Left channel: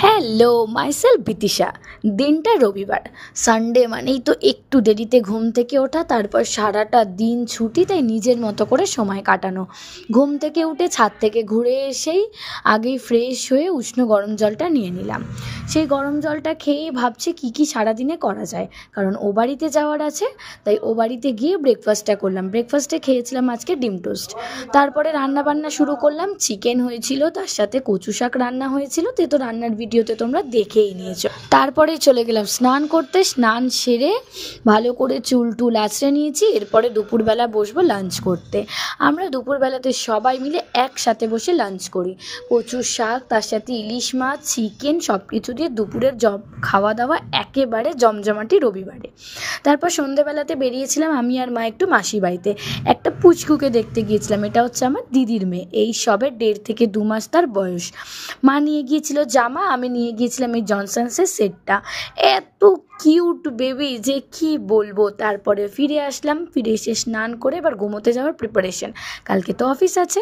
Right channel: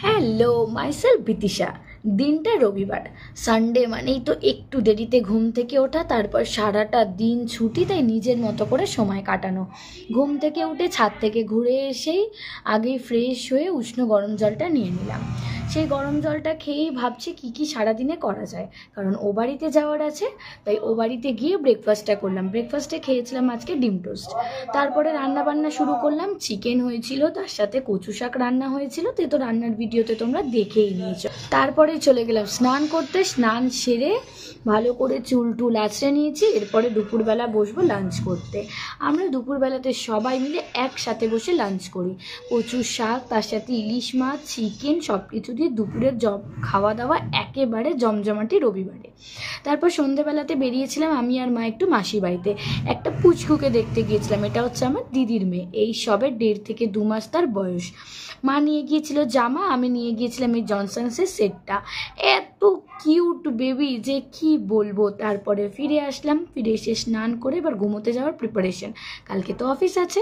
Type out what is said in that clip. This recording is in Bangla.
Hello, myself বিতিশা। দিনটা রবিবার, সানডে মানেই তো একটু দেরিতে ঘুম থেকে ওঠা, তারপর সারাটা দিন ছুটি, তাই নিজের মতো করে সময় কাটানো। ঘুম থেকে উঠে ছাদ থেকে ঘুরে এসেই আগেই ফ্রেশ হয়ে উষ্ণ গরম জলটা নিয়ে নিলাম। সেই গরম জলটা খেয়েই ভাবছি কী সারাদিনে করা যায়, কারণ ও বাড়িতে যাওয়ার আছে। তাই ও বাড়িতে গিয়ে ব্রেকফাস্টটা করলাম। ব্রেকফাস্টে খেয়েছিলাম আজকে ডিম টোস্ট। তারপরে রান্না বান্না শুরু করলাম। চিকেন হয়েছিল, তার সাথে কচু শাক রান্না হয়েছিল, তো রান্নার ভিডিওতে তোমরা দেখেই নিয়েছো। তারপরে চলে গেলাম স্নান করতে। স্নান সেরে ভালো করে চুল টুল আঁচড়ে নিয়েছি। এরপরে দুপুরবেলা বসবো লাঞ্চ করতে। আমরা দুপুরবেলাতে সবাই মিলে একসাথে বসে লাঞ্চ করি। কচুর শাক, তার সাথে ইলিশ মাছ, চিকেন, সব কিছু দিয়ে দুপুরের খাওয়া দাওয়া একেবারে জমজমাটি রবিবারে। তারপর সন্ধ্যেবেলাতে বেরিয়েছিলাম আমি আর মা একটু মাসির বাড়িতে। একটা পুচকুকে দেখতে গিয়েছিলাম। এটা হচ্ছে আমার দিদির মেয়ে, এই সবে 1.5 থেকে 2 মাস তার বয়স। মা নিয়ে গিয়েছিল জামা, আমি নিয়ে গিয়েছিলাম এই জনসন্সের সেটটা। এত কিউট বেবি যে কি বলবো। তারপরে ফিরে আসলাম, ফিরে এসে স্নান করে এবার ঘুমোতে যাওয়ার প্রিপারেশন। কালকে তো অফিস আছে।